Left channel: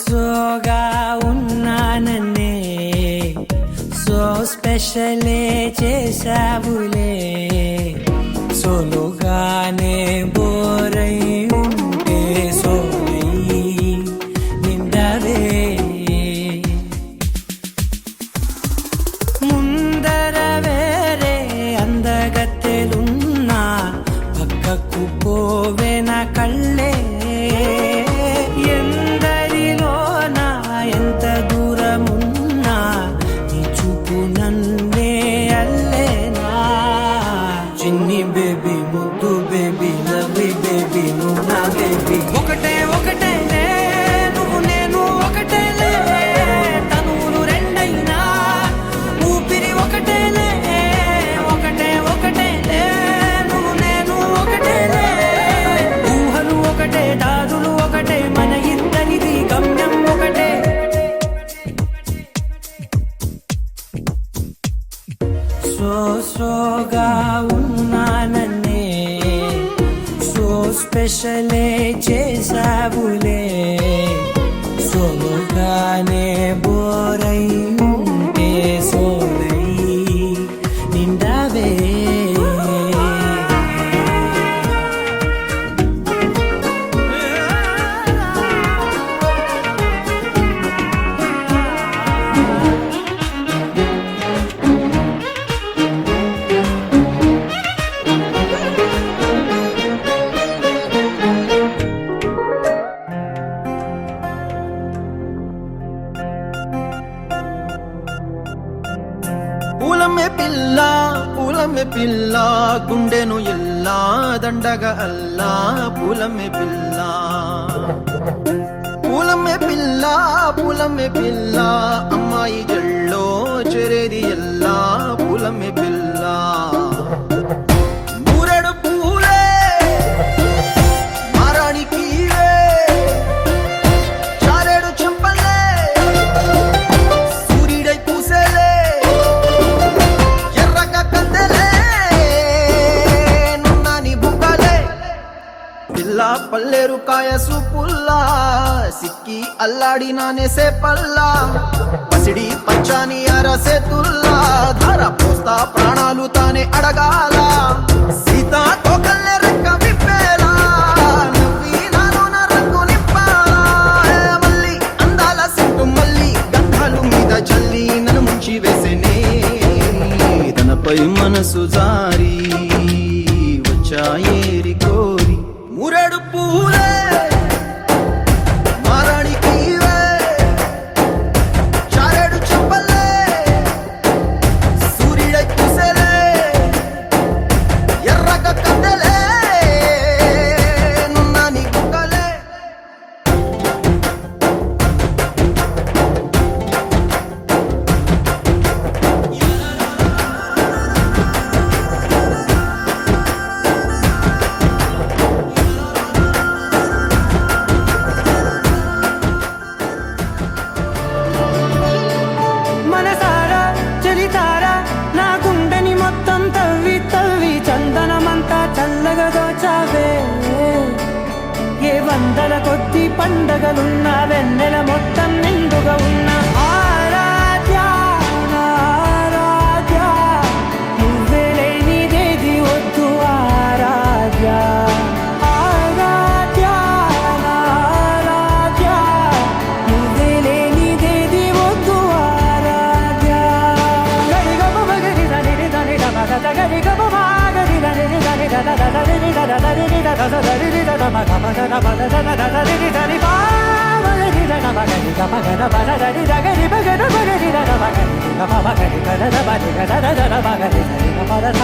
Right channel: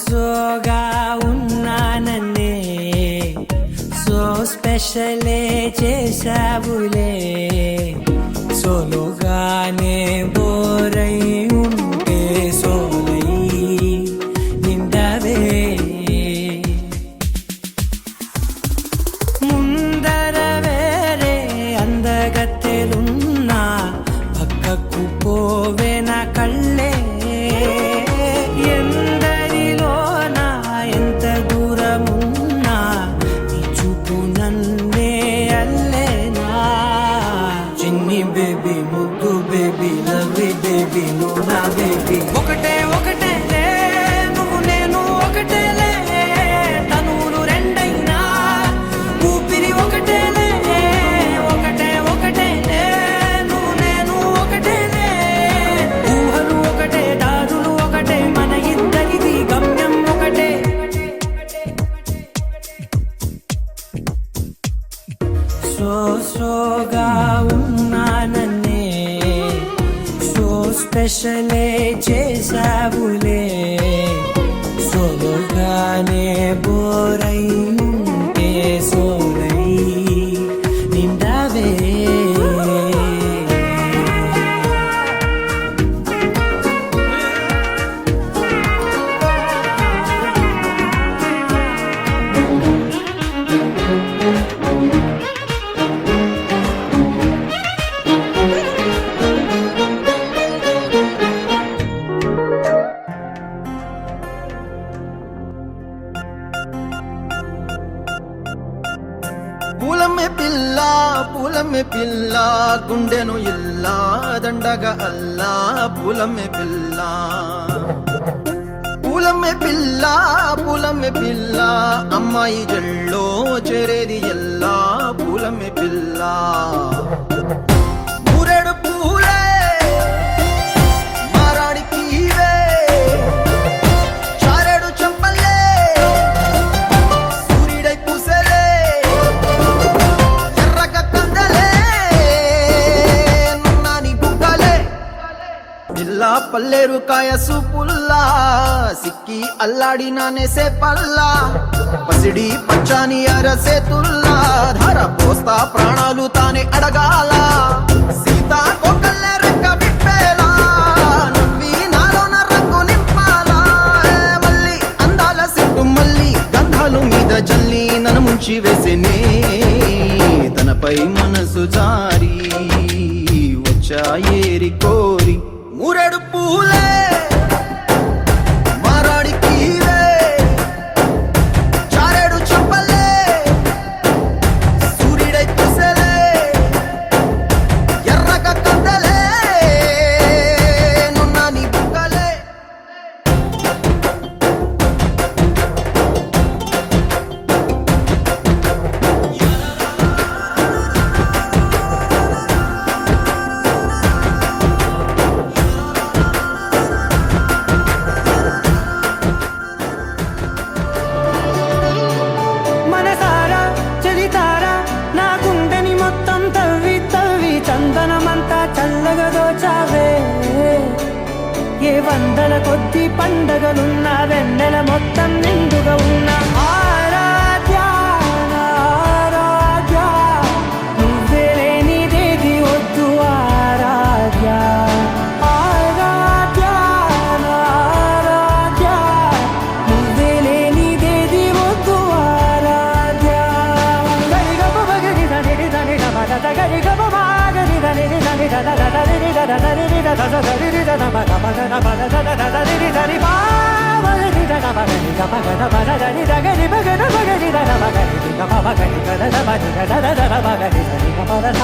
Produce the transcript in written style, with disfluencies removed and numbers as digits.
సోగా ఉన్నానన్నే so స్పెషలే చేసావులే సోలోగానే బోరై ఉంటే సోలై నిండవే ముందర వేరే అందగత్తెలున్నా పక్కకు పోవే నా కళ్ళే ఎందరిలోనా ఎంత దూరమున్నా నీ చూపు నన్నే అల్లేనా చిన్ని బేబీ ముద్దు బేబీ లవ్లీ బేబీ నువ్వు నా బేబీ ఒకటే ఒకటేలే నువ్వు నేను ఒకటేలే తనువులు రెండైనా ఊపిరి ఒకటేలే ఒకటే ఒకటేలే నువ్వు నేను ఒకటేలే ఊహలు ఒకటే దాదులు ఒకటే మన ఇద్దరిది గమ్యం ఒకటే సోగా ఉన్నానన్నే సో స్పెషలే చేసావులే సోలోగానే బోరై ఉంటే సోలై నిండవే పూలమే పిల్ల గుండెను ఇల్లా దండగ అల్లా పూలమే పిల్ల పూలమే పిల్ల అమ్మాయి జల్లో చెరేది ఎల్లా పూలమే పిల్ల ఊరేడు పూలే మారాడికి చారేడు చెప్పలే సూర్యుడై పూసే పల్లేరు కాయ సొప్పుల్లా సిక్కి అల్లాడి నానేసే పల్లా పసిడి పచ్చాని అరసే తుల్లా ధార పోస్తా ప్రాణాలు తానే అడగాల సీతా కోకల్లే రెక్క విప్పేలా నవ్వి నాలోన రంగు నింపాలా మళ్ళీ అందాల సిట్టు మళ్ళీ గంధాలు మీద జల్లి నన్ను ముంచి వేసేనే తనపై మనసు జారి వచ్చాయేరి కోరి మురేడు పూలే మారాడికి చారేడు చెప్పలే సూర్యుడై పూసలే ఎర్రగ కద్దలే నున్నాని బుగ్గలే మనసారా చలితారా నా గుండెని మొత్తం తవ్వి తవ్వి చందనమంతా చల్లగా దోచావే ఏ వందల కొద్ది పండగలున్నా వెన్నెల మొత్తం నిండుగా ఉన్న ఆరాధ్య నా ఆరాధ్య నువ్వే లేనిదేది వద్దు ఆరాధ్య ఆరాధ్య నా ఆరాధ్య నువ్వే లేనిదేది వద్దు ఆరాధ్య గరిగమ మగరి దని దని దమద గరిగమ మాగరి దని దని దద దని దద దని దద దని దద మగమ దద పద దద దని దని పా మగరి దద మగరి గమ గద పద దని దగరి మగద మగరి దద మగరి గమ మగరి గద మగరి గద దద మగరి దని గమ దద